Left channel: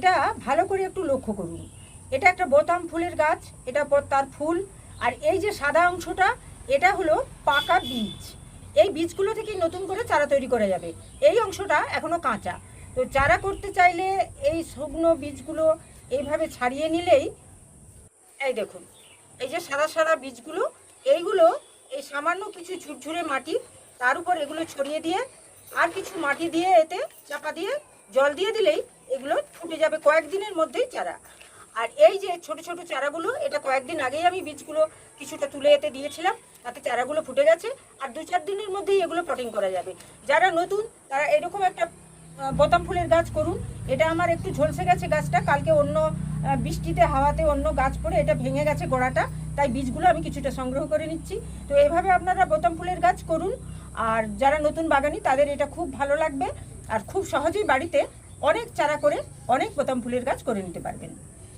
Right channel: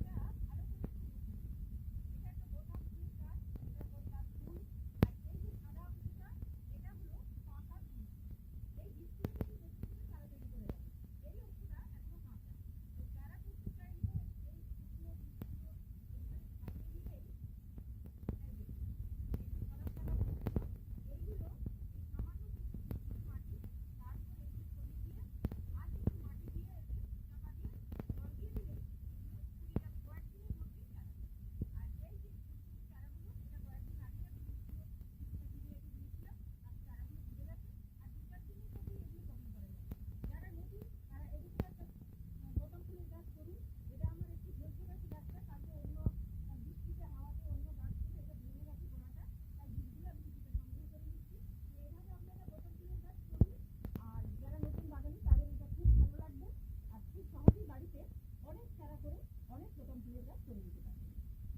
এটা ভালো করে একটু লক্ষ্য করুন। এটা একটা বোতাম ফুলের গাছ, এটা তার ফুল। আর এই যে সাদা অংশটা, এটা হলো পাকা বীজ। এই বীজগুলো থেকেই নতুন করে চারা তৈরি করা যাবে। এই অংশটা এখনও কাঁচা। তো চারা করতে চাইলে এই শুকনো বীজগুলো এইভাবে ছাড়িয়ে নিলেই, এই দেখুন, এই যে সাদা সাদা বীজগুলো, এইগুলো এই সামান্য কিছু ঝুরঝুরে মাটি, তার উপর এগুলো ছড়িয়ে দিয়ে আর কিছু মাটি দিয়ে এতে চাপা দিয়ে জল দিয়ে দিলেই এগুলো ফুটে যাবে কয়েকদিনের মধ্যেই চারা। আর এই যে ছোট ছোট চারাগুলো, এটা কয়েকদিন আগেই আমি বীজগুলো কিছুটা তুলে এতে দিয়েছিলাম, তাতে চারাগুলো ফুটে গেছে। আর 2-4 দিনের মধ্যেই এগুলো পটিং করা যাবে। যারা নতুন তারা এরকম একটা বোতাম ফুলের গাছ করুন। এটা আমার একটু ঝলসে গেছে গাছটা, কালকে অন্য বৃষ্টিতে হাওয়াতে অন্য গাছ পড়ে এটা ভেঙে গেছে গোড়াটা, তাই বীজগুলো আমি কিছুটা সংগ্রহ করে নিচ্ছি। তো এইভাবে আপনারা বোতাম ফুলের গাছ করুন। আর যারা নতুন বাগানি তাদের এটা খুব ভালো লাগবে, আর খুব সহজেই বাড়িতে অনেক চারা করে অনেক বোতাম ফুলের গাছ করে নিতে পারবেন।